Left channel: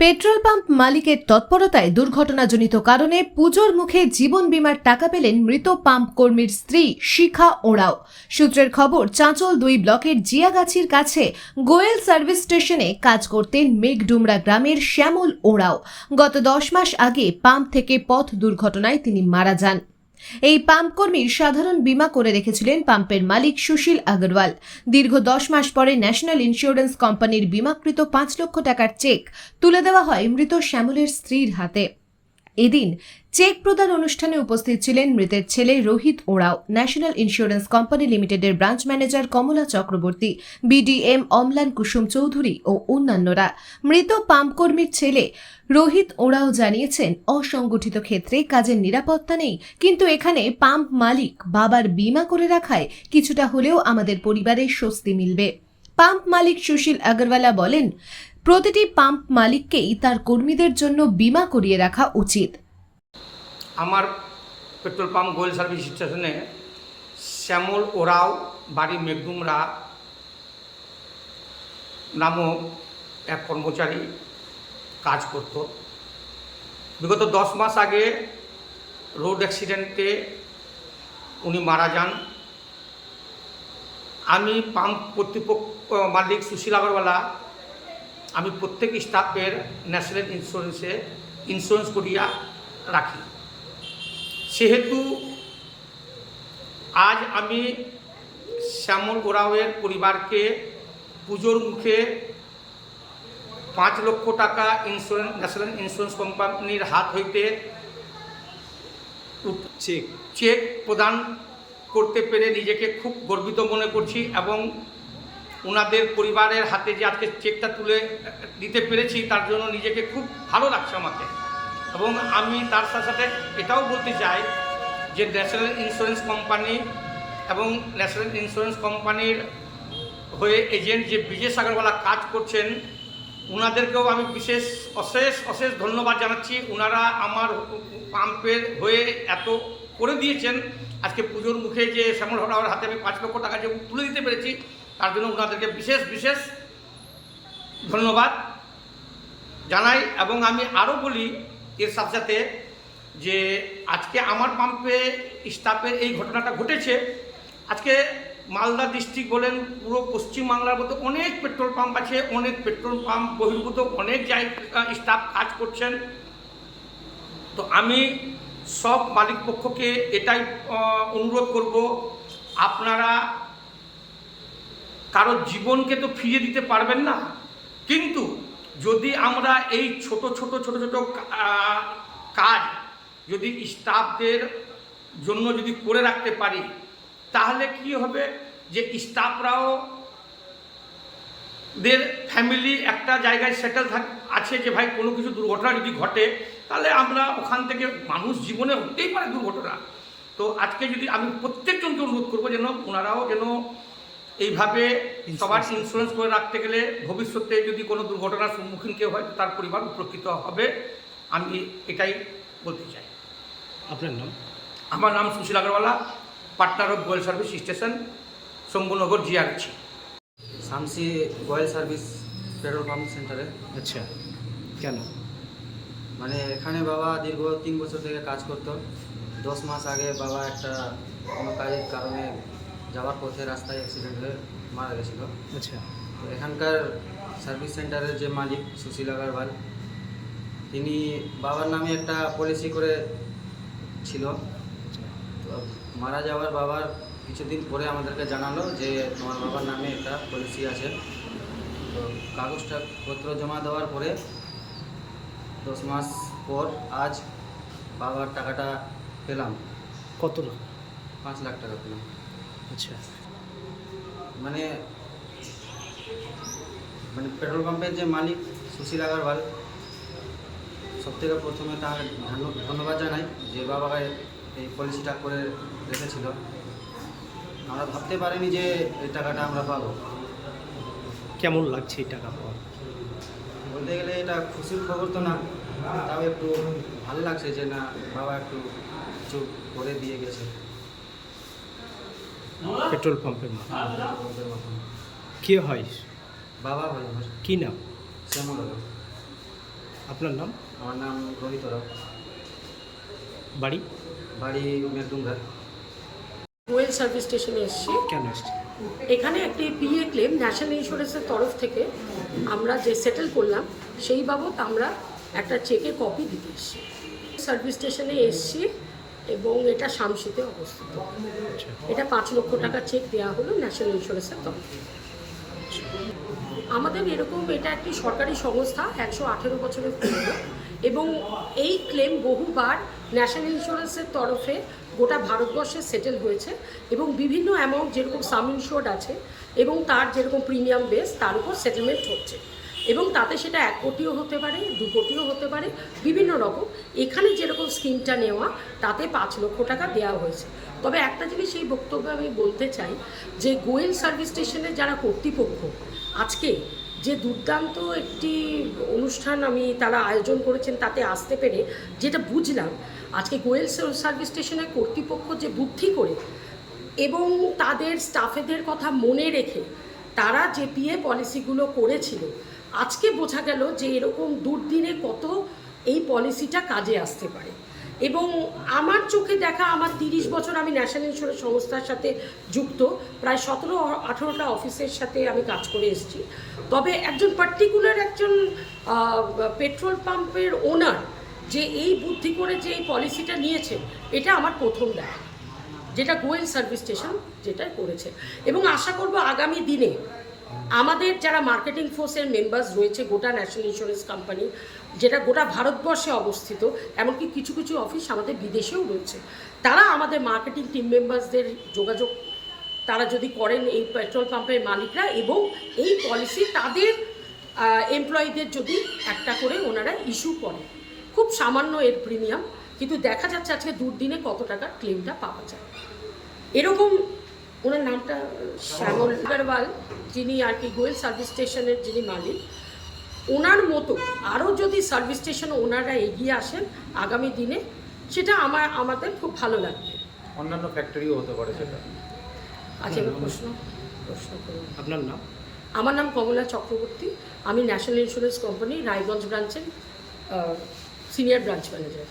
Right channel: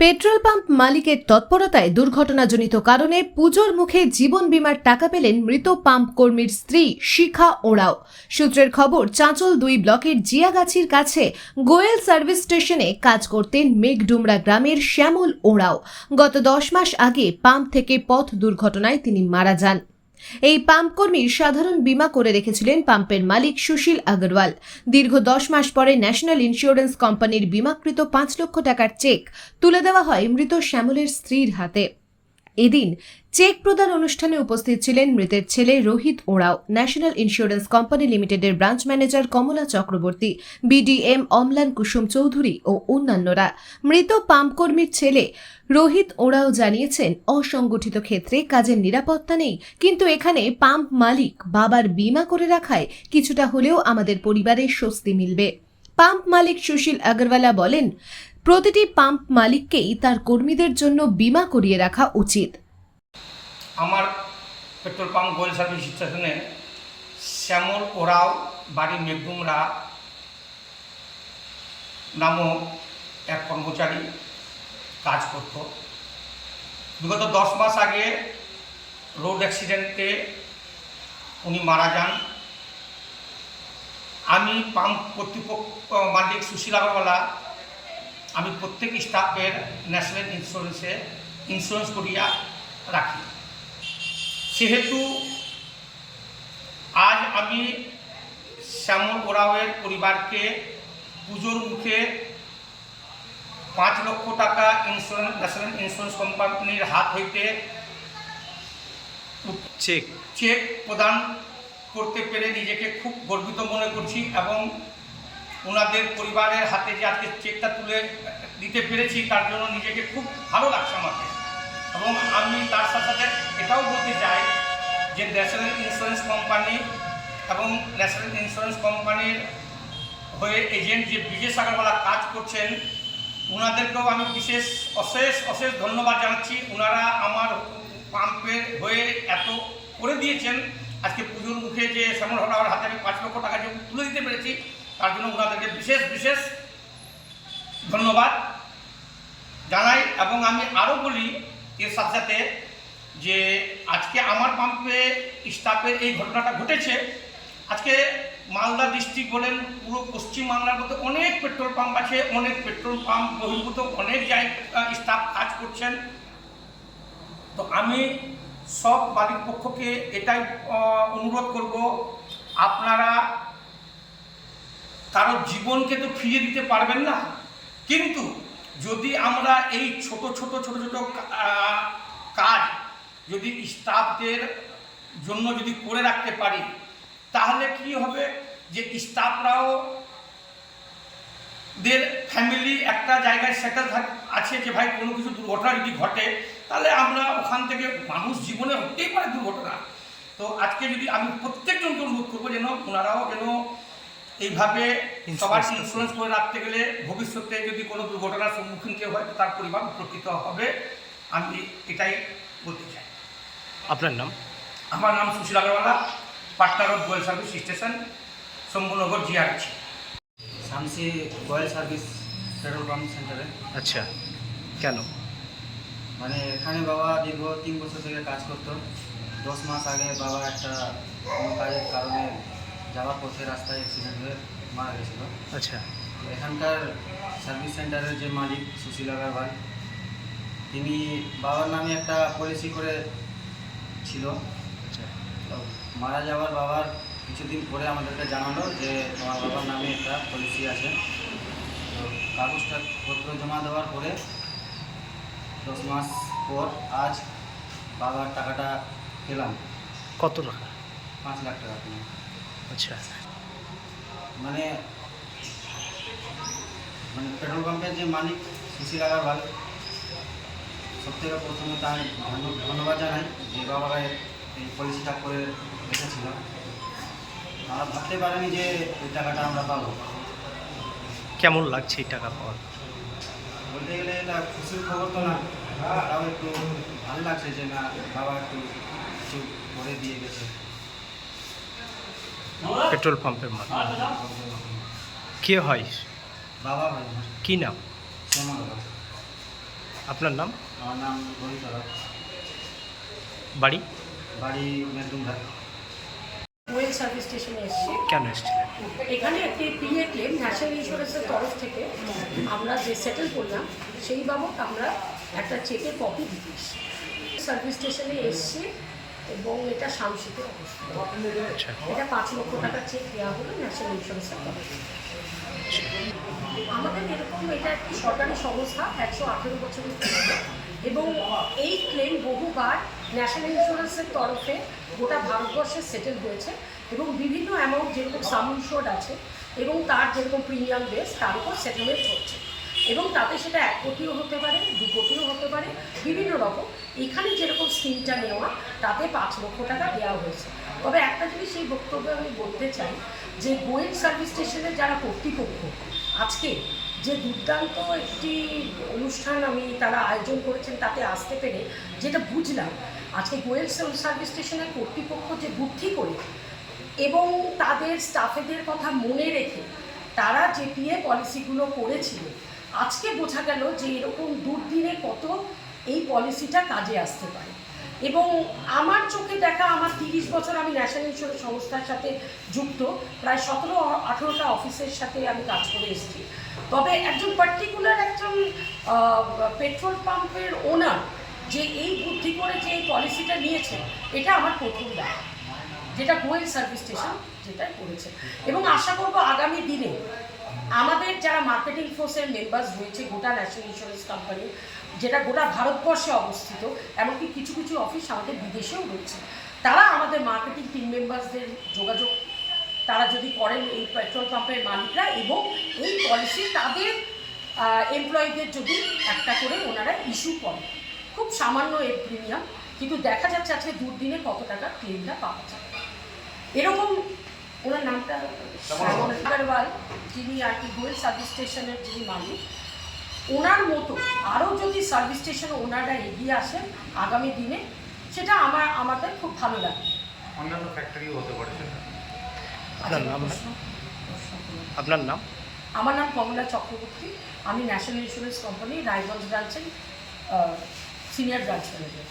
Petrol pump মালিকের তৎপরতায় দুর্ঘটনাজনিত কারণে পুজোর মুখে জীবন বীমার টাকা পেলেন মৃত পাম্প কর্মীর স্ত্রী শিখা ওড়াও সূত্রের খবর, চাঁচল দুই ব্লকের জিয়াগাছির কাছে গোয়েল সার্ভিস স্টেশনে কাজ করতেন মেঘডুমরা গ্রামের শ্যামল ওড়াও গত দশ মাস আগে পাম্প থেকে পথ দুর্ঘটনায় তিনি মারা যান। এই পাম্প কর্মীর সাধারণ বীমা করে রেখেছিলেন পাম্পের মালিক সুশীল আগরওয়াল। দীর্ঘ দশ মাস পরে ন্যাশনাল ইন্স্যুরেন্স কোম্পানির বিমাকৃত পাঁচ লক্ষ টাকার চেক তুলে দেওয়া হয় মৃত শ্যামলের স্ত্রীর হাতে। এদিন চেক প্রদান অনুষ্ঠানে উপস্থিত ছিলেন মৃতের ছেলে Rohit Oraon. National insurance company লিমিটেডের branch manager Kamala Chakraborty, BDM Amlan Kusum Chowdhury ও অন্যান্যরা। মৃত পাম্প কর্মীর ছেলে রোহিত ওঁরাও জানিয়েছেন, অসংগঠিত ক্ষেত্রে কাজের নিরাপত্তা নেই, কিন্তু এখানে পাম্প মালিক বাবার বীমা করে রাখায় কিছুটা হলেও আমাদের পরিবারে স্বস্তি মিলবে। পাম্প মালিক সুশীল আগরওয়ালা বলেন, প্রতিটি পাম্প মালিককেই তার কর্মীদের জন্য বীমা করিয়ে রাখা উচিত। আমার পেট্রোল পাম্প গোয়েল সার্ভিস স্টেশনে শ্যামল ওরাও, বাড়ি মেঘদুমরা নামক এক কর্মচারী কাজ করত। বিগত দশ মাস আগে রোড অ্যাক্সিডেন্টে উনি মারা যান। আমি পাম্প কর্তৃপক্ষ, মালিক সুশীল আগরওয়ালা, আমি প্রত্যেক স্টাফের ন্যাশনাল ইন্স্যুরেন্সে ইন্স্যুরেন্স করিয়া রাখি। সেহেতু আজ আমি শ্যামল ওরাওয়ের পরিবারকে পুজোর মুখে পাঁচ লক্ষ টাকা ইন্স্যুরেন্স ন্যাশনাল ইন্স্যুরেন্স কোম্পানির হাত হইতে চেক চেক প্রদান করতে পেরে নিজেকে খুব গর্বিত মনে করছি এবং ওনাদের পরিবারের হাতে যে আজকে চেকটা তুলে দিতে পেরেছি তার জন্য নিজেকে খুব ভালো লাগছে আমাকে। এবং আমি তার সাথে সাথে এটাও বলতে চাই যে ন্যাশনাল ইন্স্যুরেন্স কোম্পানি এবং ন্যাশনাল ইন্স্যুরেন্স কোম্পানির হয়ে এজেন্ট যে বিজয় সাগরওয়ালা কাজ করছেন ওনাদেরকেও আমি বিশেষ, অশেষ অশেষ ধন্যবাদ জানাচ্ছি। ওনারা আমার পাম্পের হয়ে এত করে দিয়েছেন। আজকে পুজোর মুখে যে শ্যামল হরাওয়ার হাতে আমি পাঁচ লক্ষ টাকা যে তুলে দিতে পেরেছি, তার জন্য ওনাদেরকে বিশেষ বিশেষ ধন্যবাদ জানাই। এবং আমি আরও বলি এর সাথে সাথে যে আজকে আমার পাম্পে স্টাফের এই ঘটনাটা ঘটেছে, আজকে মালদা ডিস্ট্রিক্ট বলেন, পুরো পশ্চিমবাংলার মধ্যে অনেক পেট্রোল পাম্প আছে, অনেক পেট্রোল পাম্প বহির্ভূত, অনেক জায়গা স্টাফ কাজ করছেন। তো আমি সব মালিক পক্ষকে এটাই অনুরোধ করব, আপনারা কারও জীবনকে তো ফিরিয়ে দিতে পারবেন না, কিন্তু যদি আমরা এই ছোট ছোট ছোট ছোট কাজ যদি স্টাফদের জন্য যদি করে রাখতে পারি, তাহলে কি হবে? যে স্টাফরাও দের ফ্যামিলি একটা জায়গায় সেটেল আছে যে ভাই কোনো কিছু দুর্ঘটনা যদি ঘটে, তাহলে আমরা ওখান থেকে মানুষ জীবনে হতেই পারে দুর্ঘটনা। তো আজকে যদি আমি প্রত্যেকজনকে অনুরোধ করব যেন ওনারাও যেন এইভাবে সবার ইন্স্যুরেন্স করে রাখতে গেলে ভবিষ্যতে যদি কোনো দুর্ঘটনার সম্মুখীন কেউ হয় তার পরিবার উপকৃত হবে। আমি এটাই বলতে চাই। আপনার নাম? আমার নাম Sushil Agarwala Patna road Goel service station Shambhunagar জিআরছি Shamsi Goel service petrol pump সেন্টারে। আচ্ছা কেন? মানে এখানে বাবা দীর্ঘ তিন বছর থেকে কাজ করতো। দশ মাস আগে বাবা একটা কোনো কাজের কারণে যাওয়ার পথে রাস্তায় অ্যাক্সিডেন্ট হয়ে মারা গেছিল। আচ্ছা। তো এখানকার সার্ভিস সেন্টারের যে মালিক সুশীল আগরওয়াল তিনি বাবার নামে একটা পলিসি করে ছিল। আচ্ছা। তো মারা যাওয়ার বাবার কিছুদিন পরে আমাদেরকে জানালো যে তোমার বাবার নামে একটা পলিসি আছে। তো কাগজটা পত্র জমা দেওয়ার পরে দশ মাস পর আজ বাবার টাকাটা পেলাম। কত টাকা? পাঁচ লাখ টাকা পেলাম। আচ্ছা। মানে মানে পেট্রোল পাম্পের যে মালিক সুশীল আগরওয়াল সব থেকে প্রথমে তার ধন্য- ধন্যবাদ জানাই যে বাবাকে এই পলিসিটা করে রেখেছিল। আমরা ভাবতে পারিনি যে এই টাকাটা আমরা পাবো। কেমন লাগছে এই টাকা পাওয়ার? বলতে গেলে এটা খুশির খবর তো না তাও একটু ভালো লাগছে যে না বাবা একটু কিছু করে দিয়ে গেছে। পেট্রোল পাম্পের মালিক মাধ্যমে। কে হয়? বাবা ভাই আমার। কি নাম? শ্যামল আপনার নাম? আমার নাম রোহিত বাড়ি? বাড়ি মেরডুমঘাট ওয়েল সার্ভিস স্টেশনে এসেছি। কেন এসেছিলেন? এখানে একটি পিএ ক্লেম ন্যাশনাল ইন্স্যুরেন্সের তরফ থেকে আমরা যে সেটেল করলাম সেই বাবদ আমরা একটা চেকের কপি দিতে এসেছি। সার্ভিস স্টেশনে এসেছি। এবং এটা শামসিতে অবস্থিত। আচ্ছা। এটা পাঁচ লক্ষ টাকা চেক দেওয়া হলো ন্যাশনাল ইন্স্যুরেন্সের তরফ আমাদের এরকম এটা একটি সরকারি সংস্থা একশো আঠেরো বছরের পুরনো এবং এই ক্লেম বহুবার ন্যাশনাল ইন্স্যুরেন্সের তরফে গোটা ভারতবর্ষে সেটেল হয়েছে এবং বিভিন্ন অ্যামাউন্ট যেরকম সাম ইনশোর্ড আছে এবং তার যেরকম প্রিমিয়াম বেস তার উপর সেটেলমেন্ট হচ্ছে। এবং তাতে সেটা এক কোটিও হতে পারে, দু কোটিও হতে পারে, বিভিন্ন রকম। এখানে যেরকম স্কিমটা নেওয়া, তাতে পাঁচ লক্ষ টাকা দেওয়া হয়েছে। তবে একটা জিনিস এই বক্তব্যে আমি বলতে চাই, যে গোয়েল সার্ভিস স্টেশনের যারা কর্তৃপক্ষ, আজকে যে দুর্দান্ত একটি অনুষ্ঠান আমি তারা আয়োজন করেছেন তাতে আসতে পেরে যেটা বুঝলাম, আজকে গোয়েল সার্ভিস স্টেশনের কর্তৃপক্ষ যে বুদ্ধি করে এবং তাদের স্টাফেদের কথা মনে রেখে তারা যে পিএ পলিসিগুলো করেছিল আজকে বোঝা গেল যে এরকম দুর্দিনে কত এই পলিসিটা কাজে আসতে পারে। এবং আমার চোখে দেখা আমার তিরিশ বছর আমি ন্যাশনাল ইন্স্যুরেন্স সংস্থার সাথে যুক্ত, প্রায় সতেরো আঠেরোটা অফিসের সাথে আমি কাজ করে এসেছি। তবে একজন পার্টিকুলার একজন পেট্রোল পাম্পের ওনার যে এই বুদ্ধি করে যে এই পলিসিটা নিয়েছেন, এটা আমার প্রথম দেখা। যেটা গোয়েল সার্ভিস স্টেশন যেটা করেছে। এবং আশা করব আগামী দিনে আমাদের যারা মার্কেটিং ফোর্সের মেম্বার্স রয়েছে গোটা ন্যাশনাল ইন্স্যুরেন্স কোম্পানি যেটা গোটা ভারতবর্ষে অবস্থিত, এমনকি কিছু কিছু অফিস আমাদের বিদেশেও রয়েছে, তারা আমাদের মার্কেটিং টিম মেম্বার্সদের যোগাযোগ, তারা যদি করেন এই পেট্রোল পাম্পের মালিকরা এবং এই পলিসি তাদের এমপ্লয়ীদের যদি একটা করে ওনারা ইস্যু করে খুব সামান্য এর প্রিমিয়াম কিন্তু দেখা যাচ্ছে আজকে দুর্দিনে কত টাকা ক্লেমটা পাওয়া যায়। এরকম ওনার নামটা শ্যামল আগরওয়াল যিনি আর কি গোয়েল সার্ভিস স্টেশনের যিনি মালিক। ওনার মতো আরও যদি সার্ভিস স্টেশন ওনারা এগিয়ে আসেন আগামী দিনে সেটা আমার আমাদের খুব ভালো লাগবে। অন্যান্য ফ্যাক্টরিও হতে পারে আচ্ছা আপনার নাম? আমার নাম কমলা চক্রবর্তী। আমি ন্যাশনাল ইন্স্যুরেন্স কোম্পানি রায়গঞ্জ ব্রাঞ্চের সিনিয়র ব্রাঞ্চ ম্যানেজার